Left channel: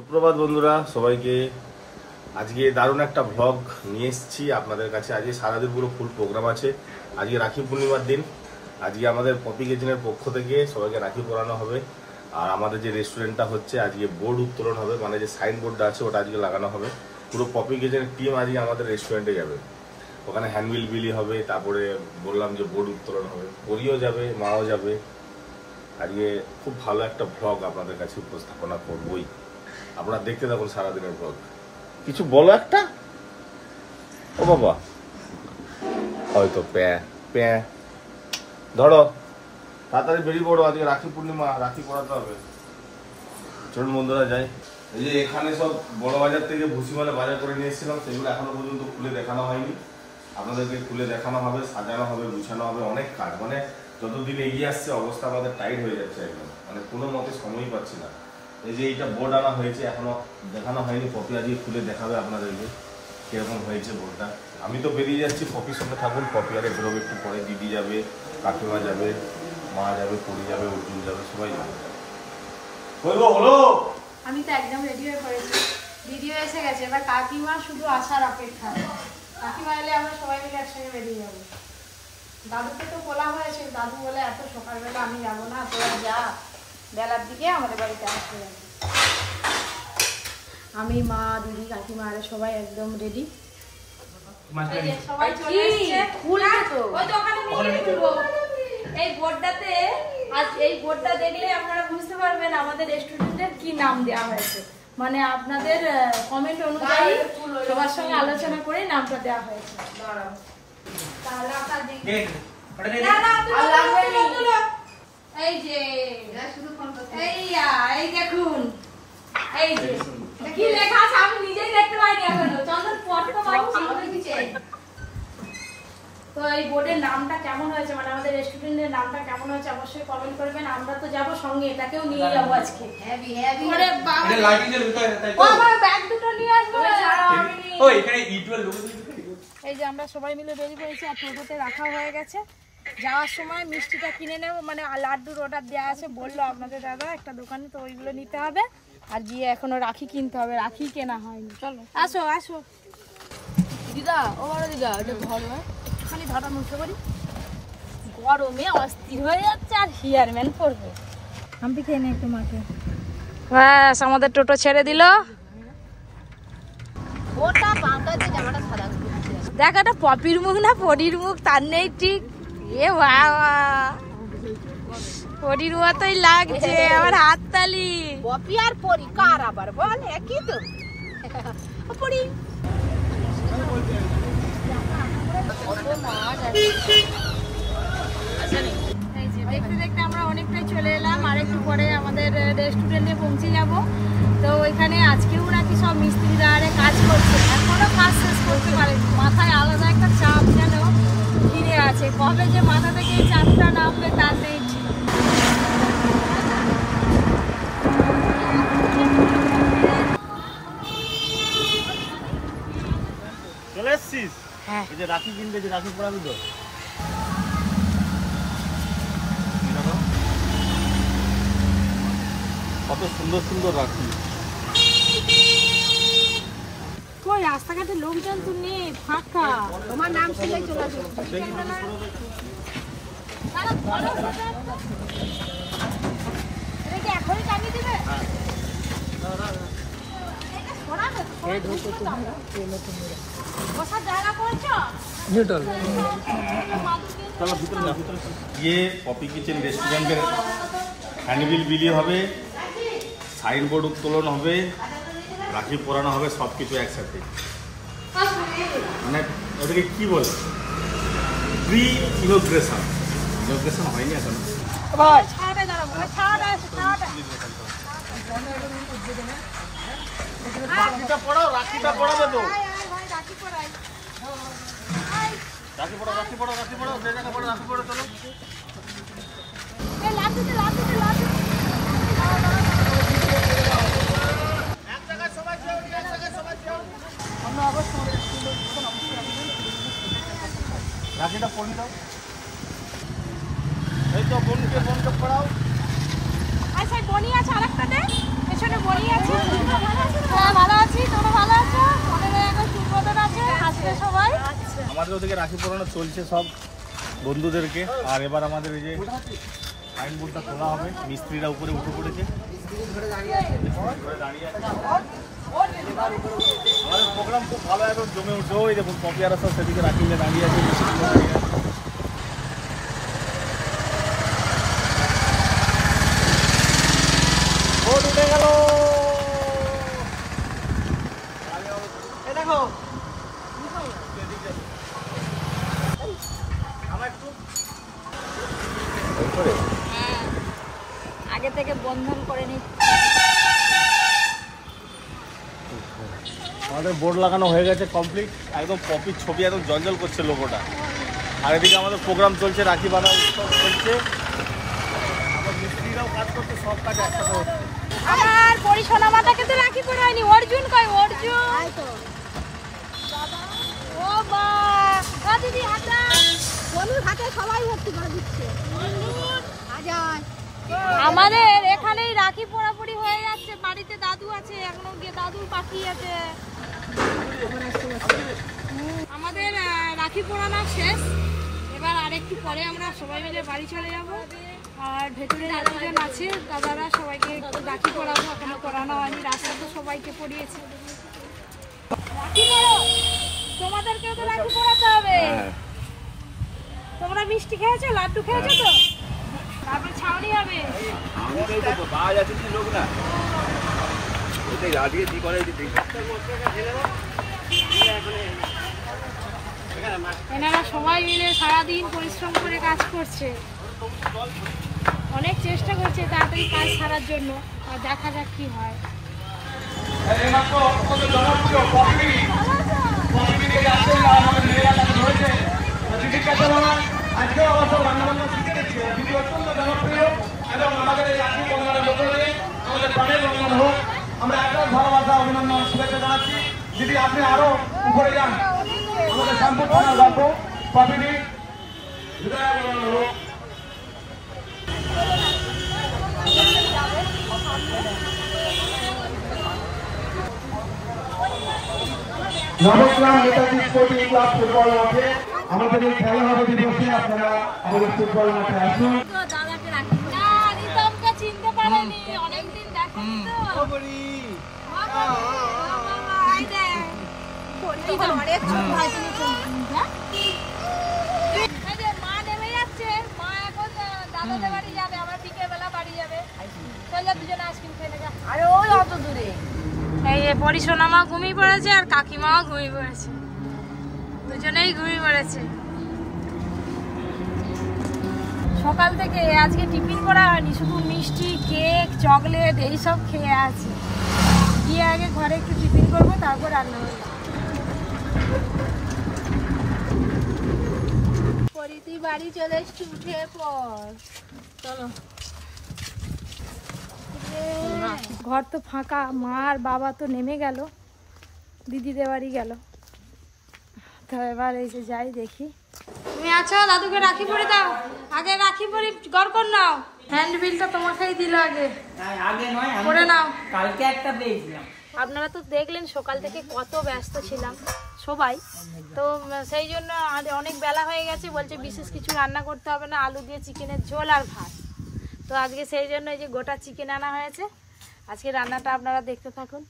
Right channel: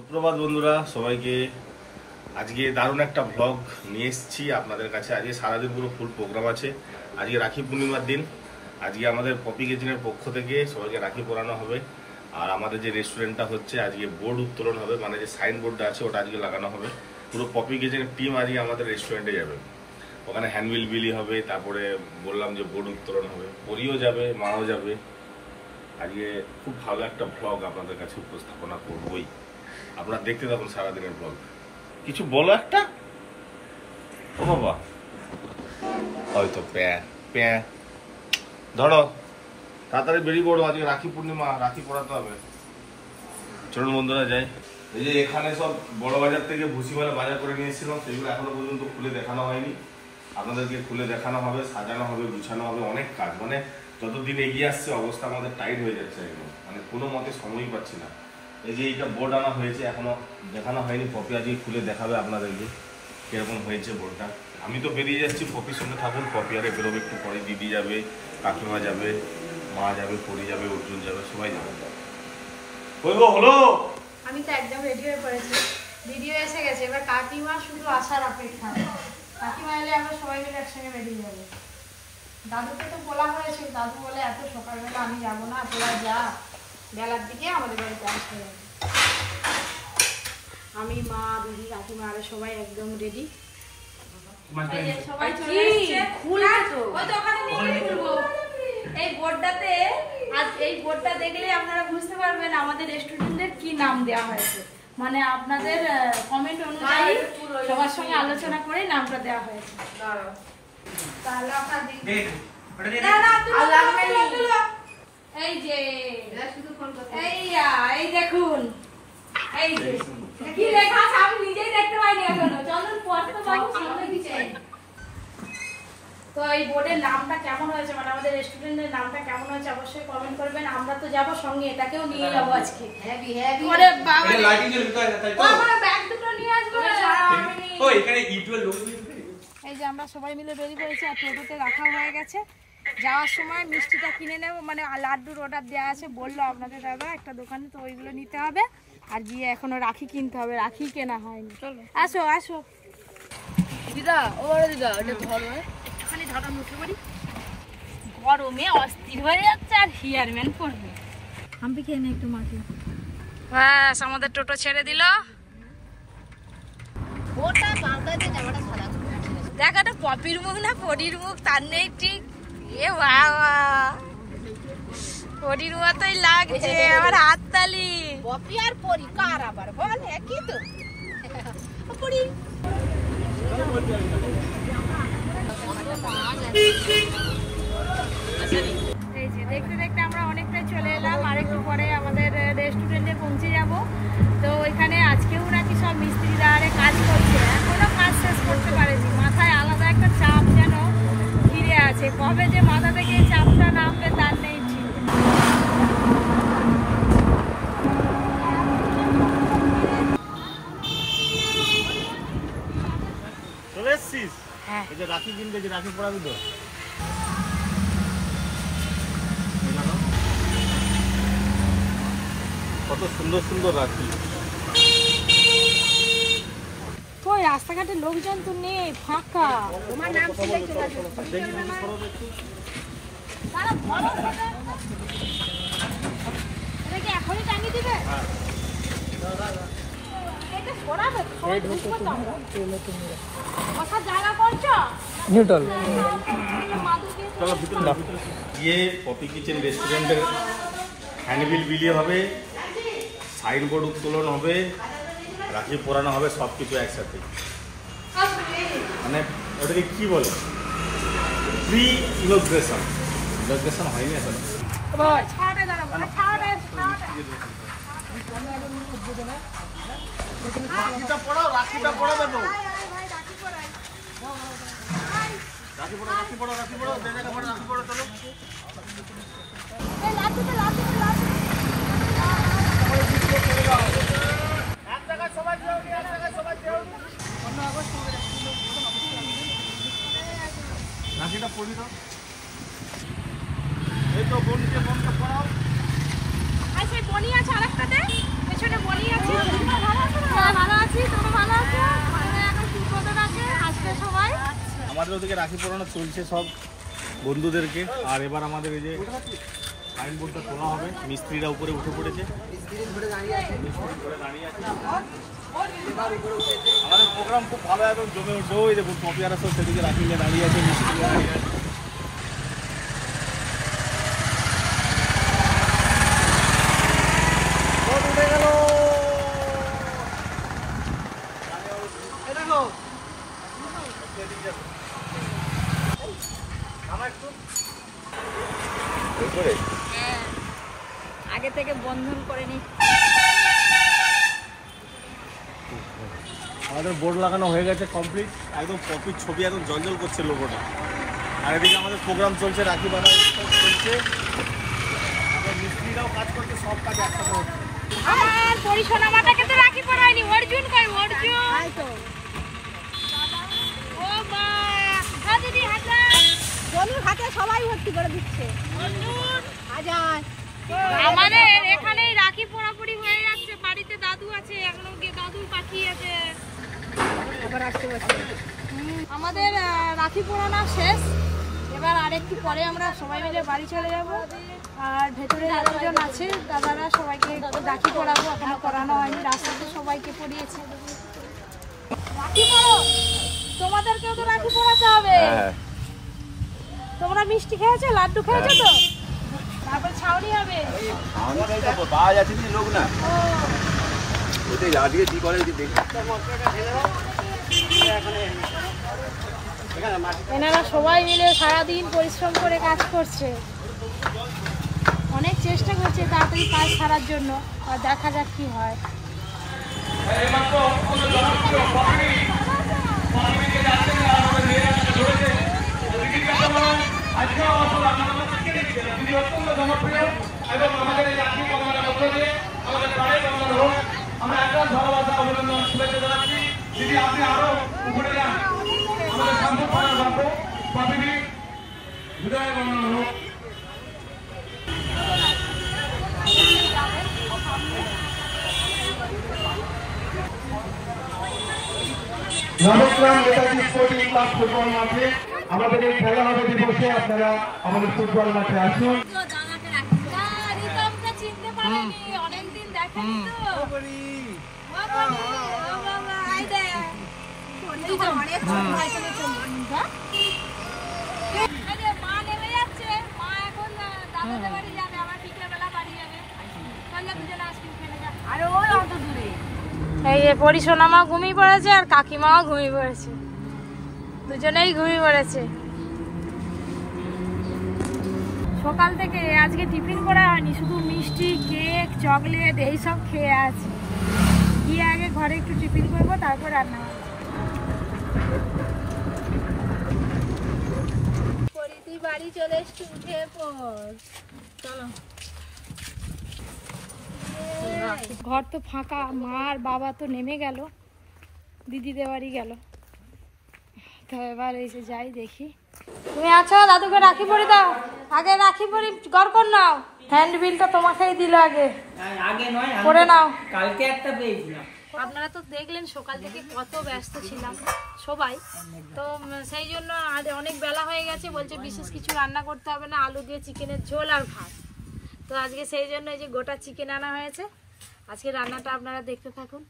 সুপ্রভাত বন্ধুরা, সবাইকে আজকে দারুণ একটা ভ্লগ নিয়ে এসেছি আপনাদের কাছে। আজকে সারাদিন পুরো ফুল প্রোগ্রাম আছে। আজকে রাখি পূর্ণিমার দিন। আজকে আমাদের পপি কিচেনের পক্ষ থেকে সবাইকে রাখি পরানো হবে। আর আমাদের যে রেস্টুরেন্টটা হচ্ছে আজকে বোর্ড উত্তোলন হবে, মানে যে সাইন বোর্ডটা আছে ওটা আজকে লাগানো হবে। পুরো পপি কিচেনের টিম আজকে আমাদের রেস্টুরেন্টে যাবে, ওখানে হ্যান্ডবিল বিলি হবে, তারপরে বললাম যে বোর্ড উত্তোলন হবে, পরিও যাবে, মাও যাবে। আজকে খুব ভালো একটা ভ্লগ আপনাদের কাছে উপস্থাপনা করবই, আপনারা দেখতে থাকুন সারাদিনের ব্লগ। কিছু বলো একটা। ও বাবা, হয়তো প্যা প্যা ধরো, তাড়াতাড়ি বেরিয়ে পড়ো, আজকে রাখি পূর্ণিমা, রাখি পড়াতে হবে। চলুন বন্ধুরা যাই। এই যে এখানে সব বড় বাজার থেকে ভুসিমালা বাজার করে নিয়েছিলাম, সেগুলো এখনো পর্যন্ত খুলে দেখানো হয়নি। আপনাদেরকে খুলে দেখানো হবে, সাজানো হবে, গুছানো হবে, অনেক কাজ। মানে যতদিন এগিয়ে আসছে অবস্থা আমাদের টাইট হয়ে যাচ্ছে একদম, মানে কোনো মতে সময়ই পাচ্ছি না। এই যে এইটা বোর্ড আনা হয়েছে, এখনো দেখানো হয়নি। পপি আজকে খুলে দেখাবে আপনাদেরকে কিরকম হয়েছে বোর্ডটা। আমি তো বেরিয়ে যাচ্ছি, পপির সঙ্গে থাকুন। পপি আরে বেরোবে একটু পরে, দিদি যাবে, কাকিমা যাবে, মা যাবে, পরি যাবে, অর্জুন যাবে, সবাই যাবে। হলো, আমি তো একদম রেডি হয়ে পড়েছি, ভিডিও এসে গেছে, এবার কাকিমা শুধু আসার অপেক্ষা। কাকিমা এলে আমরা সবাই মিলে একসঙ্গে বেরিয়ে যাবো। দাদুকে তো বলা হয়েছে, দাদু বলে এত সকালবেলা আমি যাবো না, তোরা যা, বেলার দিকে আমাদের বাড়িতে আসতে যাবে। আমি, মা, দিদি, কাকিমা আরে সবাই একদম রেডি। এই বোর্ডটাতে আজ এই বোর্ডটা দেখলে আপনারা বুঝতে পারবেন আমাদের রেস্টুরেন্টের কি নাম দেওয়া হয়েছে। মানে আপনাদের কমেন্ট অনুযায়ী সবার সঙ্গে আলোচনা করে নামটা দেওয়া হয়েছে। তাহলে আপনার এই যে এই দেখুন, এই যে কি লেখা আছে আমি নিজেই দেখতে পাইনি এখনো। চন্দন পড়তে বাবু সামনে দিচ্ছে। তো এই বোর্ডের নামটা কেমন হয়েছে, মানে আমাদের রেস্টুরেন্টের নামটা কেমন হয়েছে অবশ্যই কমেন্ট করবেন। আমরা তো যাবো সঙ্গে, এটাকেও নিয়ে যাবো আজকে। হেভি হেভি আরে বাবা, এই লাইটিং এর ভিতরে তাই তো আমার ব্যাগ দুটো নিয়ে আসবে। ও এখানে ইটওয়েল লোগো দিয়ে। এই যে আমরা সবাই মিলে বেরিয়ে পড়েছি, আর টোটোতে রাখা হয়ে গেছে। যাওয়ার সময় মিষ্টিটা কিনে নেব, মানে লাড্ডুর অর্ডার দেওয়া আছে, বললো আপনাদের দাদা একটা দোকানে, তো ওইগুলো নিতে হবে। আর গিয়ে এখনো রাখি কিনতে হবে, রাখি কেনা হয়নি। চলো আসো আসো দিদা, ও বড় দিদা, ওটা ধরো, একটুখানি ধরানো উঠে পড়ি। গরমে অস্থির হয়ে যাচ্ছে, আর হিয়ারম্যান পড়বে। আমি খেয়ে নেই একটু মাকে। ব্যাস আমাদের টোটো ছেড়ে দিল। দেখ, একটা পপির মুখ না পরির মুখ, তার নেই ঠিক। এ বাবা, পরির মতোই লাগছে আমার হাততালি। পপি আর পরি কার আবার বল, একই তো। পরি এই যে দেখতে দেখতে আমরা অনেকটাই চলে এলাম। আর একটু পরে আমাদের রেস্টুরেন্টে পৌঁছে যাব। তো ওইখানে আজকেও নাকি সব মিস্ত্রিরা আরে কাজ করছে, এখনো কাজ শেষ করতে পারেনি। মাথায় আলাদা একটা চাপ যেন ঘিরে আছে, কবে যে মাথা থেকে এই চাপটা নামবে তার নেই ঠিক। হ্যাঁ, রাখি কিনতে, যে রাখি পড়াবি তো, কত সুন্দর সুন্দর রাখি। কই রাস্তাঘাটে লোকজন তো নেই, ফাঁকা। তোমার নাম শুনে চলে যাবে। দেখি দেখি করো একটু। সারা বড় ফটো একটা। এটা কি এখনই টাঙিয়ে দিবে? হ্যাঁ। এটা পড়াবে তো, সবাই বুঝবে তো আমরা। কথা জায়গা করছো? নিউট্রাল। চলো ভিতরে যাও। ये पपी किचन রেস্টুরেন্টের হ্যান্ডবিল বিলি হবে, সাইন বোর্ড উত্তোলন হবে, রাখি পরানো হবে, সব কিছু একসাথে। মানে ওটাকে কি বলে, প্রি ইনোগ্রেশন। ইনোগ্রেশন হয়নি এখন। রাখিটা পড়াও, রাখিটা পড়াবে তো। রাখি পড়ো, রাখি পড়ো, রাখি পড়ো, যে জায়গায় পড়ো রাখি পড়ো। চলো এই লাঠিতে লাঠিতে লাঠি এক জায়গায় সবাই যাও, এক জায়গায় সবাই যাও। আমরা আবার চলে আসছি। রাখিটা পড়ি দাও। এই তো বোনকে পড়াও। আচ্ছা বনি আছে আরেকটা দে, পেছনে বনি আছে। আমাদের ওদিকে রাখি পরানো চলছে সব বন্ধুদেরকে। আর এবার আমাদের এই যে সাইন বোর্ডটা তোলা হবে, মিস্ত্রিরা উপরে উঠে পড়েছে, আমাদের প্রোগ্রাম খুব ভালো এবং জমে উঠছে। ওই দেখুন পপিয়ারা সব সেদিকে রাখিলে দাঁড়িয়ে আছে, মিস্ত্রি উঠে গেল। দেখো আগে থেকে বন্ধন করে নি। আমাদের বোর্ড লাগানো হয়ে গেছে কমপ্লিট, একদম কপির ছবি একদম জলজল করছে লোগোটা। আর এদিকে আমাদের প্রোগ্রাম চলছে, রাখি বাঁধা উৎসব চলছে, আবার মিস্ত্রিরাও কাজ করছে, সব কাজ একসাথে হচ্ছে। আমার পরিশোনা মাতাকে তো রাখি পরায়নি, অর্জুন কই অর্জুন? ও মা ও দিদি হাতে জমির হাতে সবাই ভর্তি করে দিচ্ছে। আমাদের এখানেই রাখি পোড়াপুরি হয়ে যাচ্ছে, বাড়িতে দাদু আছে, এখনো দাদুর পাখি আছে। আমাদের রাখি পোড়ানো শেষ, এবার আরেকটু পরে আমরা সবাই মিলে বাড়ি চলে যাব। আর ভেতরে দাদাজন আছে, দাদারা সবাইকে রাখি পরাবো, এখনো পরানো হয়নি, রাস্তাতে সবাইকে পরিয়েছে। রাখি পড়ো, তোমাদেরকেও তো রাখি পরাতে হবে। তোমরা মিষ্টি খেয়েছো, লাড্ডু খেয়েছো তো? তারপর ছাউনি হবে। এনারা সবাই মিলে সারাদিন পরিশ্রম করে কাজ করছে, অনেক চেষ্টা করছে তাড়াতাড়ি কাজ ছাড়ার জন্য। আর দেখা যাক কি হয়। আমরা একদম ভালোবাসা অভিনন্দন শুভেচ্ছা জানাচ্ছি। যদি আপনি আরো উপরে যান, আমাদের শান্তি থানার গল্প প্রতিদিন বিদায় হলো। Nabagram Netaji sporting club football মাঠে আমাদের এই খেলা হবে দিবসে আপনারা আমাদের ফুটবল মাঠে আসুন। চিনতে পারেনি, অনেকদিন দেখেনি তো। মা নেমে যাচ্ছে, মা এখন দাদাদের বাড়ি যাবে, আবার বিকেলবেলা বাড়ি যাবে। চলে দুজনে আইসক্রিম খেলে যা। আরে ওই অত দূরে এই যে পরিশোনা মা ঘুমিয়ে পড়েছে আর কাকিমাও ঘুমিয়ে পড়েছে, দুজনেই ঘুমিয়ে পড়েছে। সকাল থেকে আজকে টিফিন করা হয়নি, শুধু মিষ্টি, কেক, চকলেট এইসব খেয়ে আছি। গিয়ে আগে ঘরে একটু টিফিন করবো, তারপর রান্না করবো। বাড়ি চলে এসছি, উঠে পর চলো। ঘর তো ফাঁকা, মা আর বাবা তো নেমে গেল, দিদিদের বাড়ি গেল। তো এবার এই যে যাই দেখি। তুমি আছো, দাদুকে রাখি পরি দাও। আগে রাখি পরি গড় কর নাও, হ্যান্ড বিলটা তোমাকেই দিল আগে। আগে নয়, করে নাও। কালকে একটা পেয়েছিলাম। আপনারা তো দেখলেন সকাল থেকে কত ব্যস্ত ছিলাম সবাই, তো সেই জন্য অনেক বেলা হয়ে গেছে। বলছে বিশেষ কিছু রান্না করতে হবে না, আলু দিয়ে চিকেনের ঝোল আর ভাত। তো আজকে সেই জন্য এই যে গোটা চিকেন আনা হয়েছে। আজকে রান্নাটা আপনারা দেখতে থাকুন।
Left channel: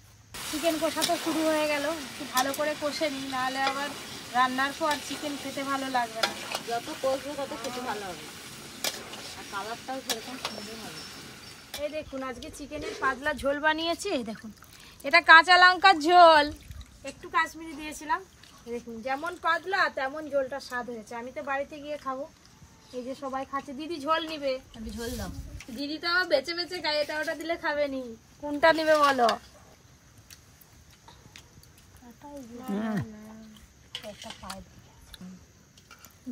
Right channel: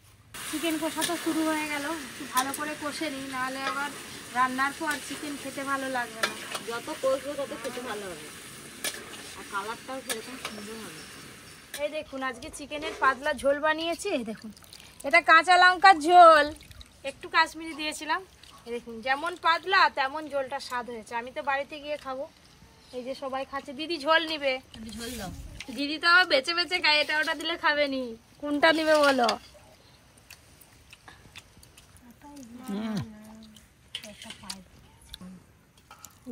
চিকেন কষা তো শুরু হয়ে গেল, একটু ভালো করে কষে নিই, নাহলে আবার রান্নার পর চিকেন খেতে ভালো লাগবে না। যত কষবে তত খেতে ভালো হবে, আর কালারটাও সেরকম সুন্দর হবে। এই দেখুন আজকে চিকেনের পাতলা ঝোল বানিয়েছি। এই দেখুন, এটা কাঁচা লঙ্কার ঝোল, একটু কাশ্মীরি দিয়েছিলাম। এই দেখুন যেমন পাতলা তেমন ঝোলটা স্বাদ হয়েছে। আমি তো বাড়িতে গিয়ে খাবো। এই যে সবাই খাচ্ছে। দিদি ঝোল নিবে? ঝোল দাও। দিদি তো বেছে বেছে খায়, এটা ওটা দিলে খাবে নি। কোনটা নিবে বলো?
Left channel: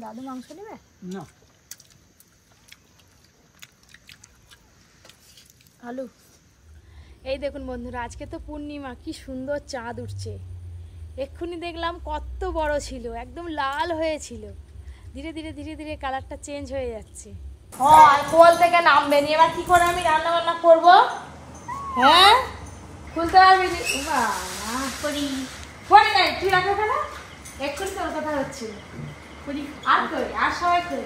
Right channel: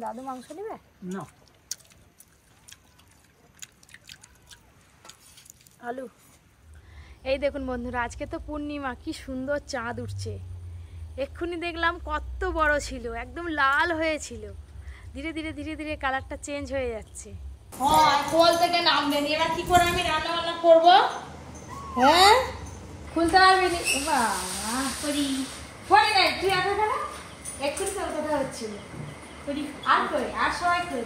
দাদু মাংস নিবে না? আলু। এই দেখুন বন্ধুরা, আজকে তো পূর্ণিমা, কি সুন্দর চাঁদ উঠছে। এক্ষুনি দেখলাম কত বড় ছিল, একদম লাল হয়েছিল। ধীরে ধীরে ধীরে ধীরে কালারটা চেঞ্জ হয়ে যাচ্ছে। কোল থেকে নামবে নি। এবার কি করে আমি রান্না বান্না করবো? হ্যাঁ, খুলতে পারবি? তুই রাখো কেন? এক্ষুনি তোর কথা হচ্ছিল আর কই আর সবাই কই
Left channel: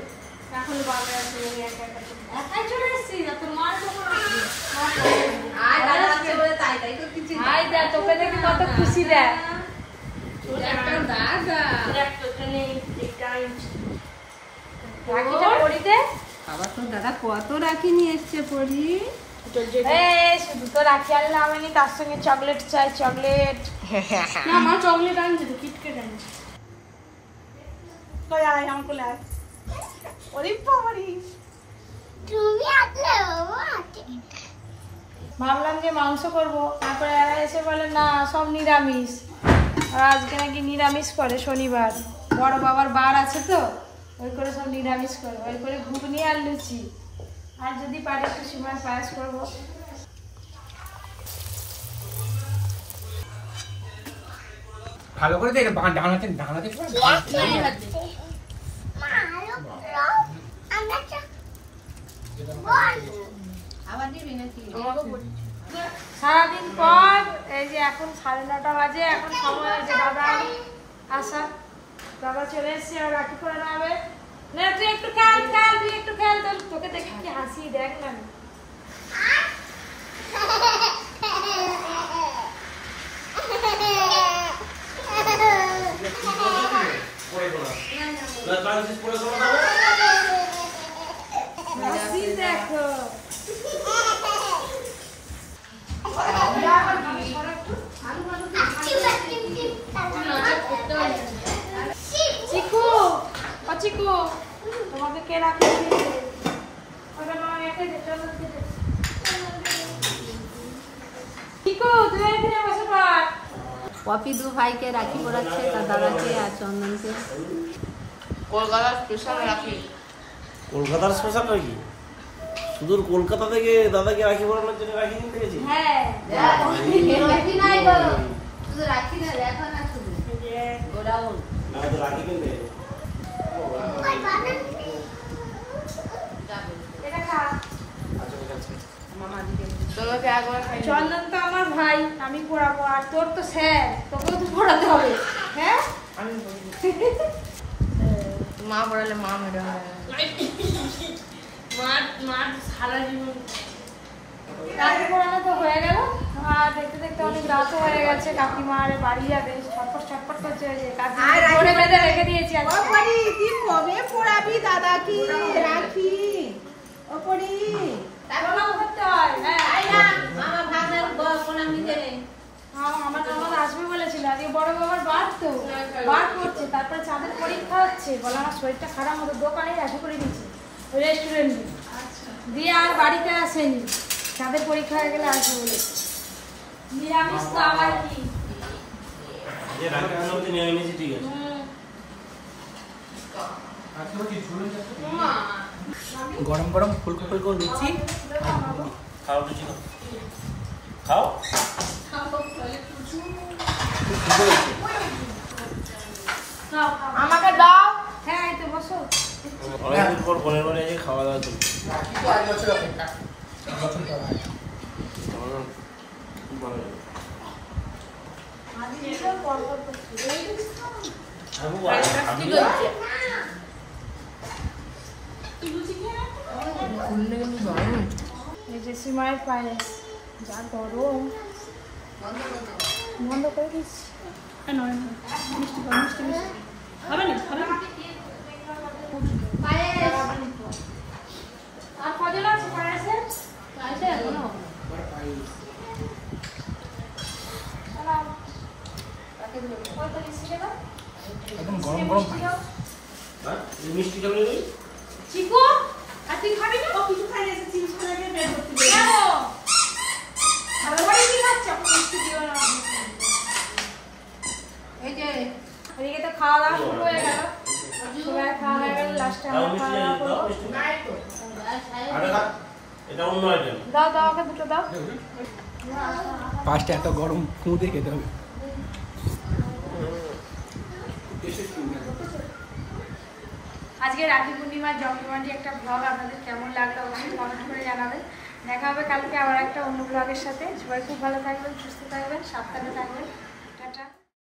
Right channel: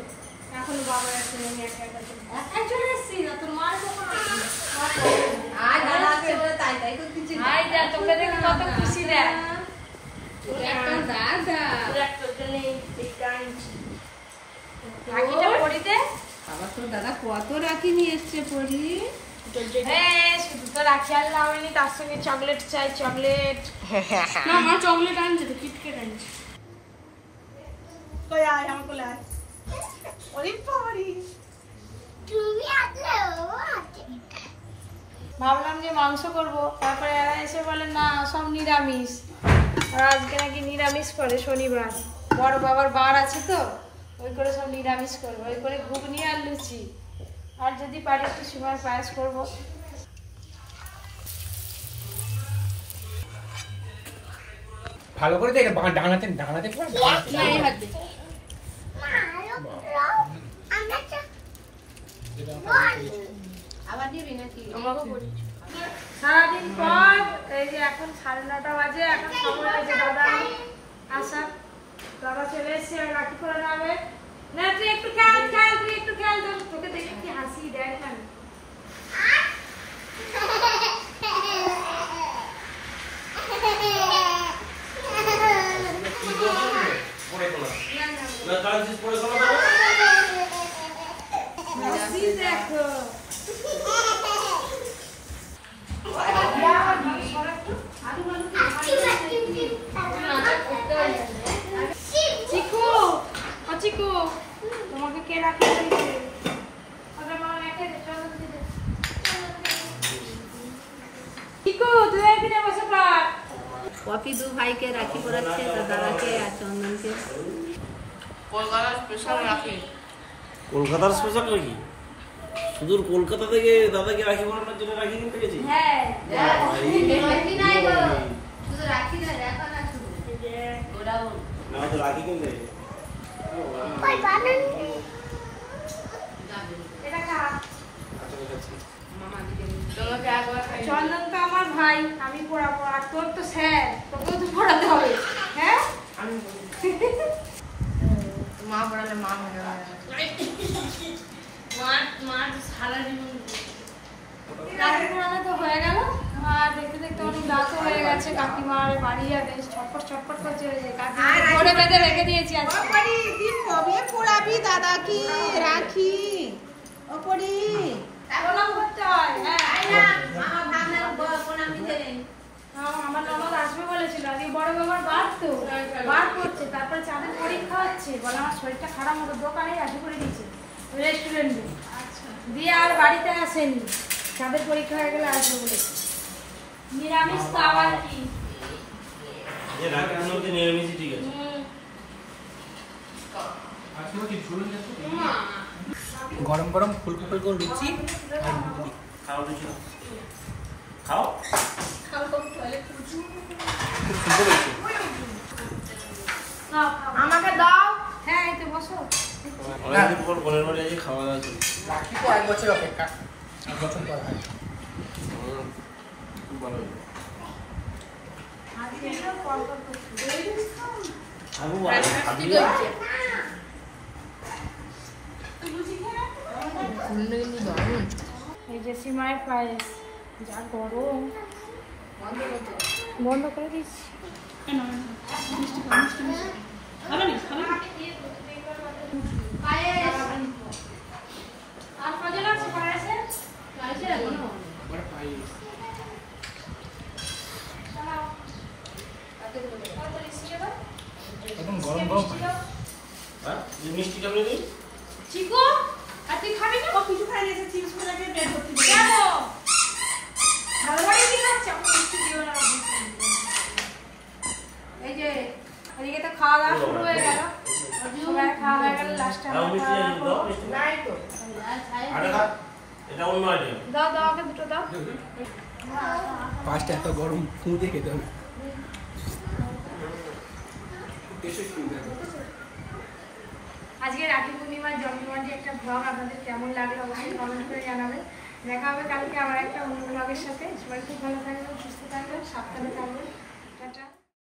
এখন বাবা আছে আমি একা একা একাই চলে এসেছি না তোর মার কখন আসবে আয় দাদা আছে বলে তাই তাই করতেছি আয় যা তোকে দেখে কত খুশি রে তোর একটা দাদা একটা নেই এটা আনছি রাখিটা পড়িতে আবার তোর দাদা কত রাখি নিয়ে এসছে পড়ি শুধু তো রাখি আর নাওনি তার সঙ্গে চকলেট চাই চকলেট না আমার চকলেট আনছে তো কিটকেট আনছে কই আয় আমার কোলে আয় ওরে বাবারি তুমি আসলে ভাবলাম যে মাংস করব তারপরে এরা এসে বলে না সব নিরামিষ আর আজকে নাকি নিরামিষ করে শনিবার বড় বাবার বার আছে তো ওই করে সব নিরামিষ করবো ওই করে ঘুগনি আর লুচি আর যদি পারি একটু সিমার পায়েস করবো ভালো করে দেখ ডানাতে ডানাতে সারাদিন পর এই যে এখন 9:30 বাজে এখন সময় হয়েছে দাদা আসা দাদা চলে এসছে আর রাখি করে নেবে না তুই একটু খেয়াল তোকে দেখে কি হাসি দেখ না দেখো চিকু চিকু তোমাকে কে রাখি চিকু তুই এখানে বসে কর পপি দু ভাইকে রাখি পরাচ্ছে তার দাদাকে আর চন্দনকে কলকাতার স্পেশাল নাকি সুদূর কলকাতা থেকে দাদাকে রাখি পরানোর জন্য রাখি কিনতে গেছি হ্যাঁ শুধু রাখি না দেখো না শুধু ওরাও না তো রাখি কিনতে গেছি এটা খা চন্দন তো আমার ভাই আমি পড়াবো আর তোর তো স্যার তোকেও তো পড়াতে হবে হ্যাঁ মা পড়ালে মা ম্যাডাম মার সারা জীবন তারপর পড়ানো তো হয়ে গেল আর দেখতে দেখতে অনেক রাতও হয়ে গেছে কাকিমার বাড়ি যাবে ছটপট করছে কাকিমা ধরে বেঁধে রেখে দিয়েছি আজকে কবে পড়াবি দাদা কি রাখি ও পড়ি প্রণাম করতে হয় হ্যাঁ আমার ভাগনার প্রণাম দিতে আমার ননদ আসবে বলেছিল আগে বড় বাবার বার করছে তারপরে চাঁদের পরীক্ষা হচ্ছে বলে আমার শরীরটা খারাপ মতো দোকানে রাখি করে দিচ্ছে রেস্টুরেন্টে দিয়ে আর বাড়িতে আসেনি চাঁদের পরীক্ষা হয়ে গেলে আসবে বলেছে নিরামিষ তো আবার কি নিরামিষ ঠিক আছে গরম গরম ফুলকপি করে লুচি খাও লুচি খাও খুব সুন্দর হয়েছে আমাকে দাও হ্যাঁ এই তো বসো অনেকদিন পর বোনের বাড়ি আজকে খাওয়া দাওয়া চলছে এক বছর অপেক্ষা এক বছর পর হয় খুব ভালো লাগে এই যে সিমাই পায়েস যা গরম বন্ধ করে দিচ্ছি আর কজন আছে পায়েসে একদম গরম গরম পানি হ্যাঁ মিষ্টি খাবে তুই চিকু আর তুই খাবি না কিছু খাই গেছে চিপস করে দিয়ে বের করতে দিই কেন ভালোবাসি কি খাচ্ছ মিষ্টি দিও না এই যে এদিকে তো খাওয়া দাওয়া শুরু হয়ে গেল সবাই খাওয়া হয়ে গেল লাস্টে দাও মিষ্টি দাও মিষ্টি নাই তো আরে খা এটা অন্য আইটেম দাও দাও আমাকে দুটো দাও পাঁচটা এত গরম খুঁড়ে খেতে হবে আজকে রাখি পূর্ণিমার জমজমাটি একটা ব্লগ আপনাদের কেমন লাগলো অবশ্যই কমেন্ট করে জানাবেন দেখা হবে কালকে আবার একটা অন্য ব্লগের সাথে সবাই খুব ভালো থাকবেন সুস্থ থাকবেন সাবধানে থাকবেন